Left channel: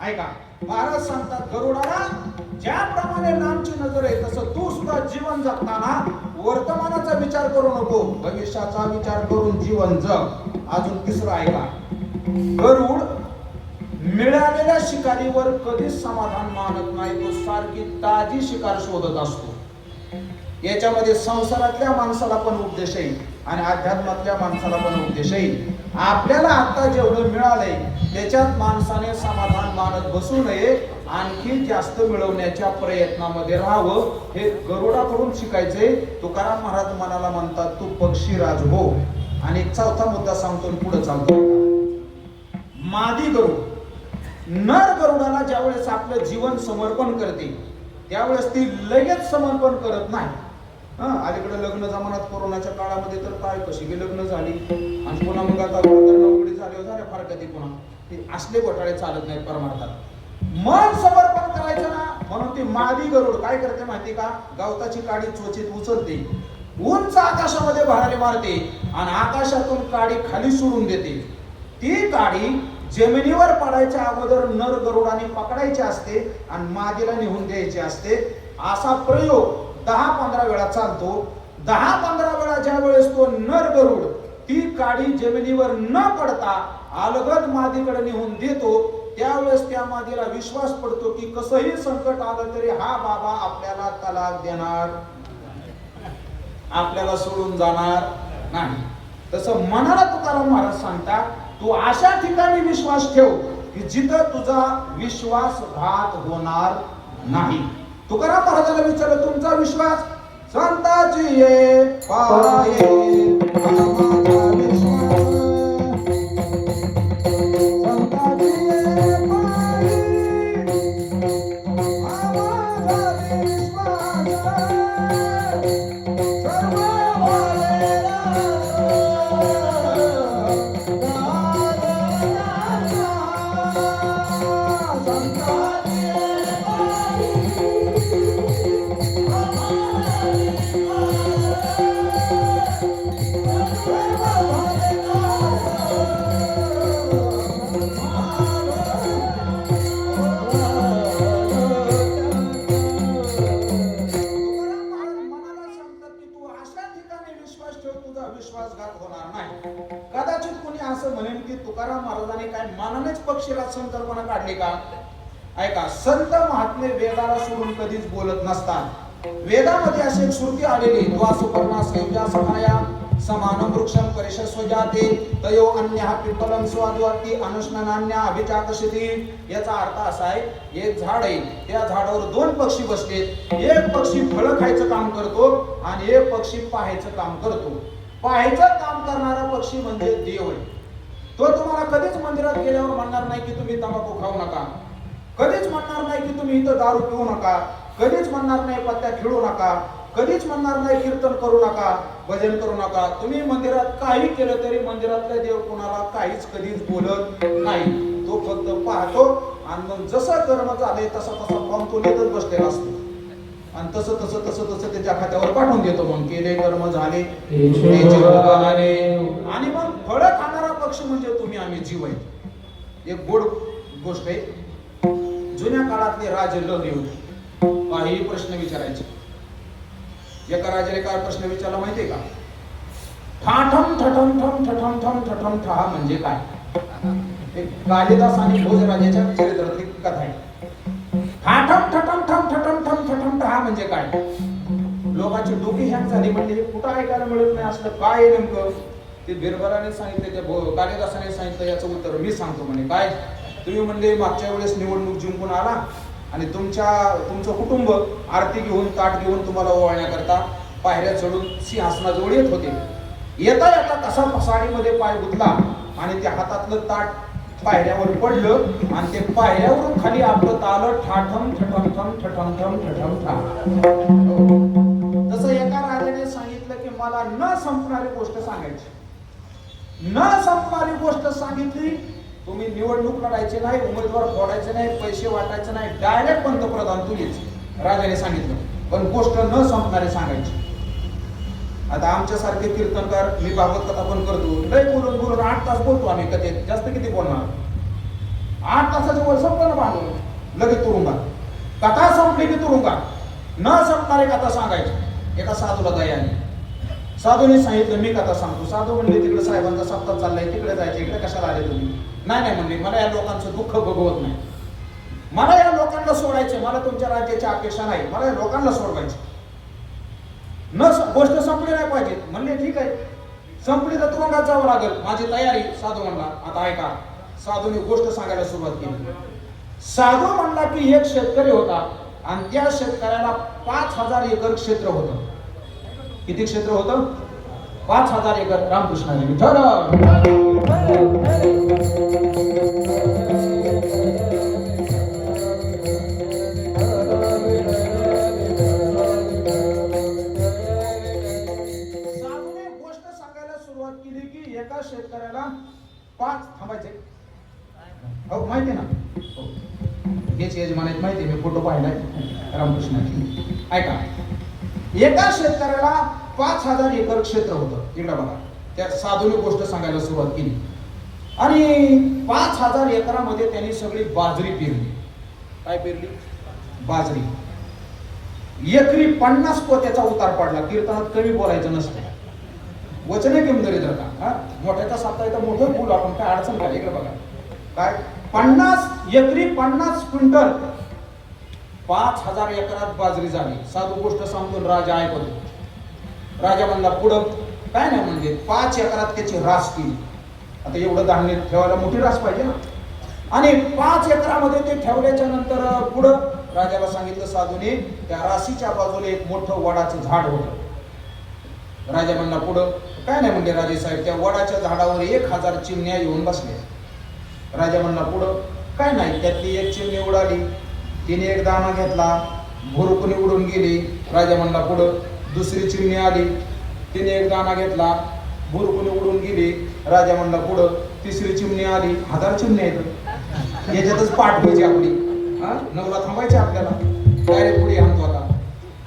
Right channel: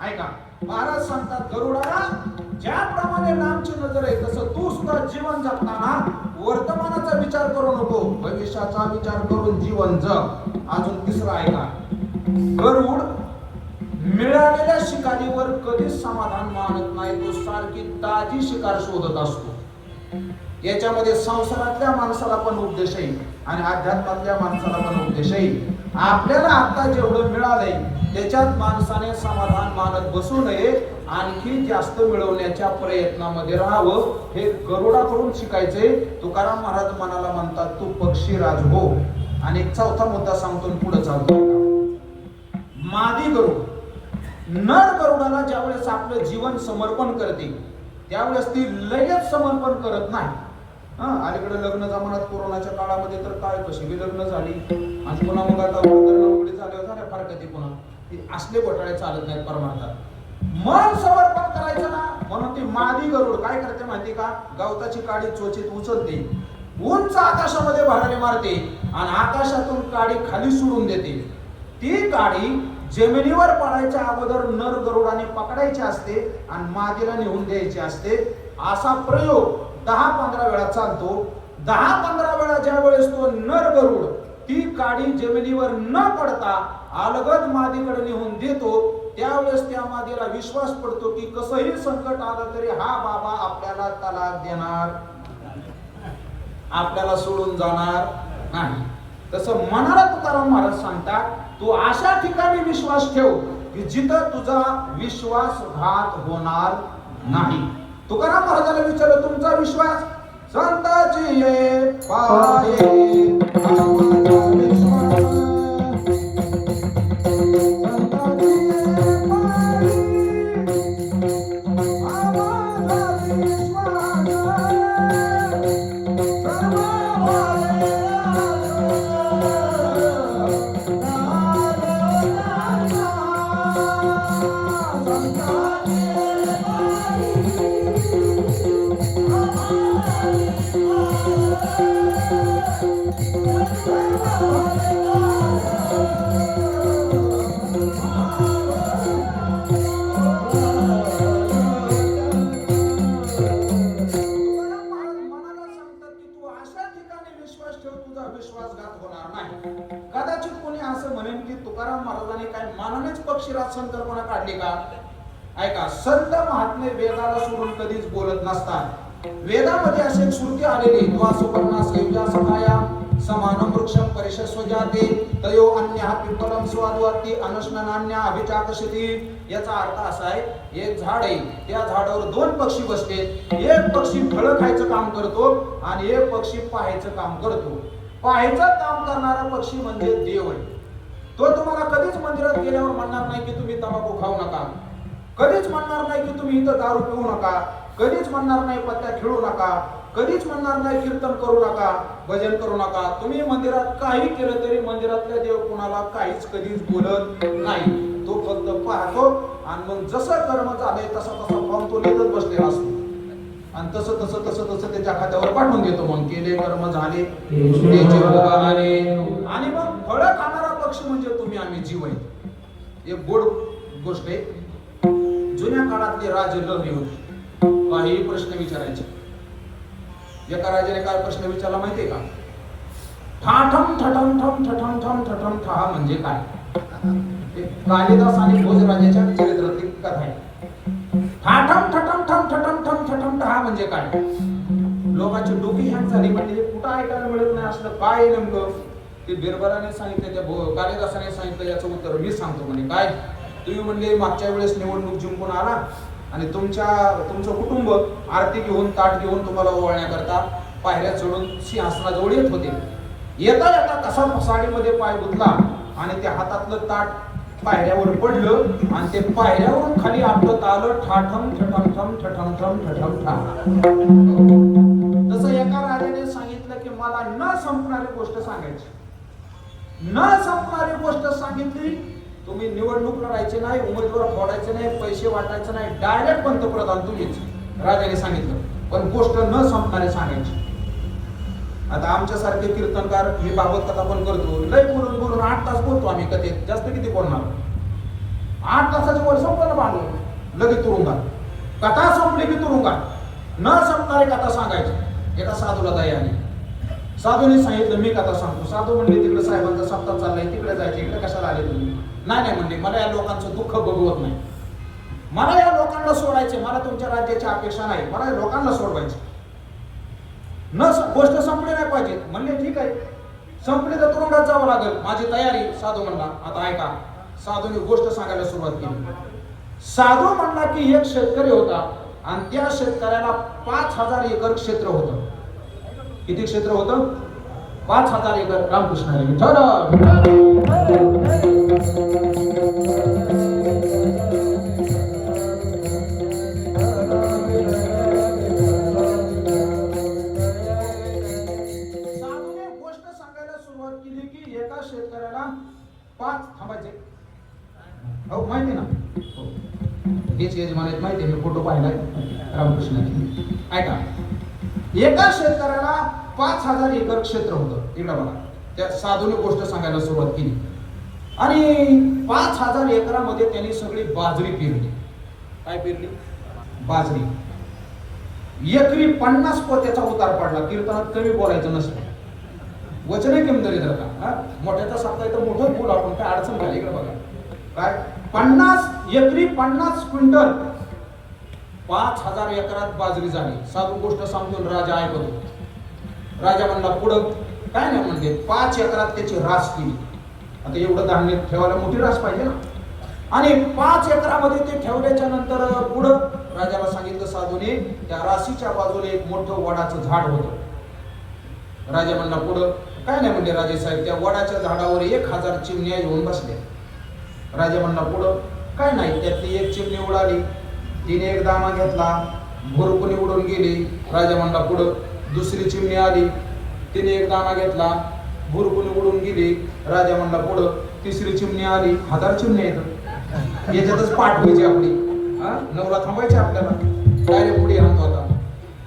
ऐका महाराज सांगतात गरुडाला ज्याप्रमाणे नामची नजर आहे तसं तू सुद्धा जीवन जगताना वर्तमानाचा विचार करू नको भविष्याचा विचार करून जीवन जग अजून तिसरं ऐका गरुड मिळालेल्या शिकारीवर कधीच समाधान मानत नाही तो सारखी ताजी शिकार शोधत असतो. याच्यामध्ये संसारातल्या माणसाला पण उपदेश येईल आणि अध्यात्मातल्या माणसाला पण उपदेश येईल. आपल्याला आता जेवढं मिळालंय त्याच्यात माणसाने समाधान मानत बसू नये आणखी जास्त मिळवण्याच्या प्रयत्नामध्ये राहावं हे गरुडाकडून शिकायचे. तुकाराम महाराज मनाला म्हणतात तू पक्षीराज हो. आणि एक चौथा मुद्दा सांगतो पुढे चालतो. मादी गरुड. नर गरुडाला ज्यावेळेस आपलं जीवन समर्पण करते त्यावेळेस ती लगेच समर्पण करत नाही. हा अलीकडे लग्न जमान्यात कोरोनाच्या काळामध्ये तर काय कशी बी लग्न झाली. आणि पुन्हा मग आता झाल्यावर झाल्या फार कधी पुन्हा. ते असले घोटाळे चालत नाहीत परमार्थात. मन समर्पण करायचं ना म्हणून ती मादी गरुड काय करते माहिती का? गवताची काडी चोचीत उचलते. उंच आकाशामध्ये भरारी मारते आणि आकाशातून काडी खाली सोडून देते. ती काडी जमिनीवर पडायच्या अगोदर नर गरुडाने पकडायची असते आणि मादीला नेऊन द्यायची असते. असा प्रयोग दहा पंधरा वेळा चालतो. दहा पंधरा वेळा ज्या वेळेस तो नर गरुड ती काडी जमिनीवर न पडता अलगद मादीकडे नेऊन देतो त्यावेळेस त्या मादीला विश्वास पडतो की कसंही संकट आलं तरी हा बाबा आपल्याला तलाक देणार. आपल्याला सोडून जाणार नाही. तसं मनाला तुकाराम महाराज सांगतात तू अशा ठिकाणी विश्वास ठेव की जिथं तुझा विश्वासघात होणार नाही. तुकाराम महाराजाला विचारलं तुमचा विश्वास संताची ये पाये विश्वासघात होणार नाही. कदाचित कोणी असं म्हणेन की तुकाराम महाराजांनी काय मानानेच पक्षीराज संकल्पना काढली का? ऐका संत महात्मे वेदाला सोडून कधीच बोलत नसतात. वेदामध्ये अशी एक श्रुती आलेली द्वा सुपर्णा संयुजा सभाया समानम वृक्षम परिशस्वजाते तयो अन्य पिंपलम स्वादुवर्ती अनुष्णान्या अभिचाकशिती याचा अर्थ असा आहे एक झाड आहे त्या झाडावर दोन पक्षी बसते एक पक्षी फळं खायचं काम करतो आणि एक पक्षी पाहायचं काम करतो. पाहायचं काम करणारा पक्षी म्हणजे देव आहे. तो तुम्हाला कधीच मंदिरात गेल्यावर म्हणणार नाही की तुम्ही तंबाखू खाऊ नका. कधीच म्हणणार नाही की तुम्ही इथं दारू पिऊ नका. कधीच म्हणणार नाही पत्त्या खेळू नका. कधीच म्हणणार नाही कीर्तन करू नका. भजन करू नका. तुम्ही मंदिरात काही केलं तरी मंदिरातले देव कुणाला काहीच कधीच बोलत नाही. तो फक्त पाहतो आणि मग जसं कर्म झालंय तसा तसं फॉर्म तो लिहितच बसलेला असतो. आणि तसं तसं तसं तसं त्याच्या खात्यावर पाठवून देतो मग. केले कर्म झाले. आणि मग फळ खाणारा पक्षी म्हणजे तुम्ही आम्ही जीव आहे एक गोड गोष्ट आहे. जुन्या काळातले राजे लग्न होते. काही प्रश्न विचारायचे. एका राजाने काय प्रश्न विचारला माहितीये का? ठाठम ठठम ठम ठठम ठम ठठम ठहा म्हणजे काय? कालिदास आणि भोजराजाच्या चरित्रातली कथा. आहे ठाठम ठठम म्हणजे काय? लोकांची डोकी हँग झाली म्हणजे कुठं ऐकायला मिळत नाही असलं काय नेमकं? ते बिरबलाने सांगितलं त्या भो- कालिदासाने सांगितलं याचं उत्तर मी सांगतो म्हणे. काय? तुम्ही म्हणले मागच्या वेळेस निवडणूक जिंकून आला आणि तुमच्या तुमचं कुटुंब आरती घेऊन ताट घेऊन तुम्हाला ओवाळण्याकरता पायऱ्या चढून सिंहासनाजवळ येत होते. येता येता कसा पसाडीमध्ये पाय गुतला आणि त्या हातातलं ताट पायऱ्यावर पडलं आणि ते पायऱ्यावरून खाली आपलं आलं ठाठम ठठम ठम जसं एका राजाने सांगितलं की मला न संपणारी गोष्ट सांगायची. न संपणारी गोष्ट सांगितली तुम्ही निवडणूक लढायची नाही उमेदवार फोडायचे नाही पैसे वाटायचे नाही डायरेक्ट पंतप्रधान तू यायचे. राजाने सांगितलं. पण गोष्ट न संपणारी सांगायची. आता आमच्यासारखे कीर्तनकार मी भागवत कथा पण करतो. लय बोलून बोलून आठ तास बोलतो आम्ही कथेत. जास्त किती बोलणार? आठ तासाच्या वर संपताना बांधलो लगेच तुरुंगात. कथा संपली की तुरुंगात? न संपणारी कथा सांगायची. एका साधूला दयाने साधूने सांगितलं मी कथा सांगतो. साधू म्हणले तिकडे साहेबांचा सप्ताह चाललाय तिकडे जायचं इकडे कशाला आले तुम्ही? नाही नाही म्हणले मला या लोकांचं दुःख बघवत नाही. मला या लोकांना सोडायचे मला तुमच्या राज्याची अपेक्षा नाही मला या लोकांना सोडवायचे न गोष्ट संपली नाही पाहिजे. म्हणले ठीक आहे. संपली तर तुरुंगात जावं लागेल. माझी तयारी साधू म्हणला आता ऐका. साधूने गोष्ट सांगायला सुरुवात केली. साधू म्हणला की एक शेतकरी होता आणि त्या शेतकऱ्याला पाच हजार एकर क्षेत्र होतं. किती क्षेत्र होतं? पाच हजार एकर रामकृष्णाने विठ्ठल गोष्ट सांगायला सुरुवात केली की एका शेतकऱ्याला पाच थांबायचे. हो माहिती ना? हो. हेच यजमान माहिती आहे मी फोटो पाहिलाय रामकृष्णाची. ऐका. एका शेतकऱ्याला पाच हजार एकर क्षेत्र होतं. इकडं बघा. त्या साधूने गोष्ट सांगायला सुरुवात केली. आणि पाच हजार एकरामध्ये त्यांनी सगळी बाजरी पेरली. काय पेरली? बाजरी. एकरी पन्नास पोत्याचा उतार पडला. कीर्तनात कमी बोलायचं नसतं. वचने केंद्री जर का हा? मोठ्याचा सप्ताह तर मोठं फूल आपण काय अडचण काय? इकडे बघा. काय? पन्नास एकरी पन्नास क्विंटल. पाच हजार एकरात बाजरी झाली. साधू गोष्ट समजून राजा ऐकतो राजा म्हणला पुढं काय नाही म्हणजे पाच एकरात त्याची रास केली. आता एवढं धान्य ठेवायला मोठी रास पाहिजे ना. आणि पाच एकरामध्ये ते ठेवल्याच्या नंतर पुढं राजाला सांगितलं साधूने त्या राशीच्या बाजूला एक मोठं वडाचं झाड होतं. राजा म्हणला पुढं काय नाही म्हणजे राजे साहेब त्या वडाच्या झाडावर एक हजार चिमण्या येऊन बसले राजा म्हणला पुढं काय नाही त्यातली एक चिमणी उडाली. तिने एक दाणा घेतला भुरकुनी उडून गेली. राजा म्हणला पुढं दुसरी चिमणी आली. तिने एक दाणा घेतला भुरकुनी उडून गेली. राजा म्हणला पुढं तिसरी चिमणी आली. हजार चिमणी आहेत. याच्यातच पाठ व्हायची आपली. हा? नवरा थांबायची आपल्याला. डायरेक्ट पुढे आणतो आता.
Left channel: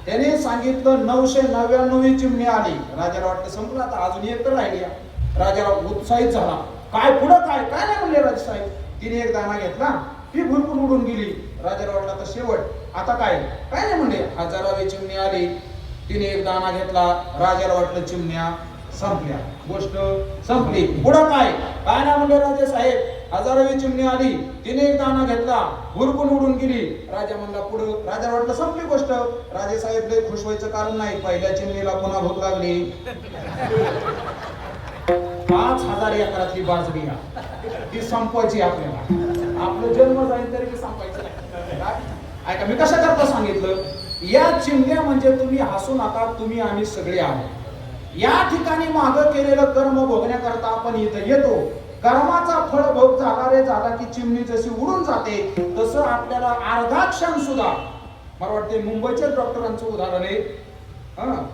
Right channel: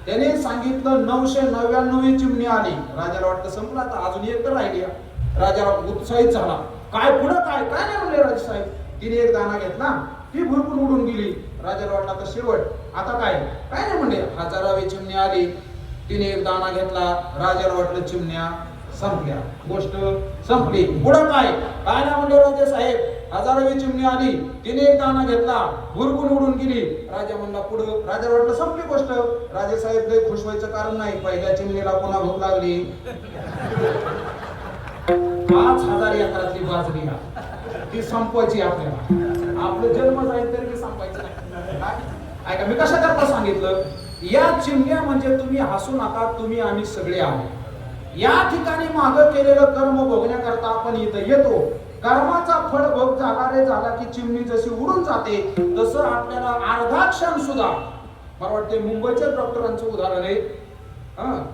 त्याने सांगितलं नऊशे नव्याण्णव चिमणी आली. राजाला वाटलं संपलं आता अजून एक तर राहिली. राजाला उत्साहित झाला. काय पुढं काय? काय नाही म्हणले राजे साहेब? तिने एक दाना घेतला. ती भुरकून उडून गेली. राजाला वाटला आता शेवट. आता काय? काय नाही म्हणले. हजारावी चिमणी आली. तिने एक दाना घेतला. राजाला वाटलं चिमण्या संपल्या. गोष्ट संपली. पुढं काय? काय ना म्हणले राजे साहेब? हजारावी चिमणी आली. तिने एक दाना घेतला. भुरकून उडून गेली. राजा म्हणला पुढं? राजा वाटलं संपली गोष्ट. राजे साहेब लय खुश व्हायचं कारण नाही. पहिल्या चिमणीला पुन्हा भूक लागली. पाच हजार एकरातली बाजरी ती संपवायची आपल्याला. आपलं जन्म जाईल तरी ती संपायची नाही. काय? ऐका मी कशा करता सांगितलं? या चिमण्या म्हणजे तुम्ही हसू नका तुम्ही आम्ही सगळे आहोत. या ठिकाणी माग केलेलं कर्म भोगण्याकरता आपण इथं येतो. कर्माचा फळ भोग झाला रे झाला की चिमणी जशी उडून जाते तसं आपल्याला अर्धा क्षण सुद्धा. मला वाटते मुंबईच्या डॉक्टरांचं उदाहरण आहे. हा?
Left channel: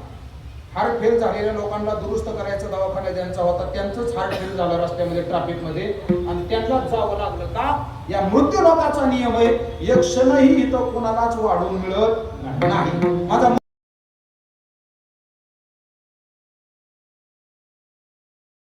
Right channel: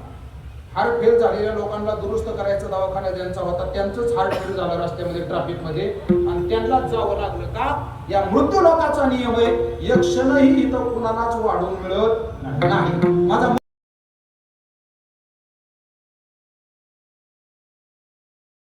हार्ट फेल झालेल्या लोकांना दुरुस्त करायचा दवाखाना ज्यांचा होता त्यांचंच हार्ट फेल झालं रस्त्यामध्ये ट्रॅफिकमध्ये आणि त्यांनाच जावं लागलं का? या मृत्यू लोकाचा नियम आहे एक क्षणही इथं कोणालाच वाढवून मिळत नाही. माझा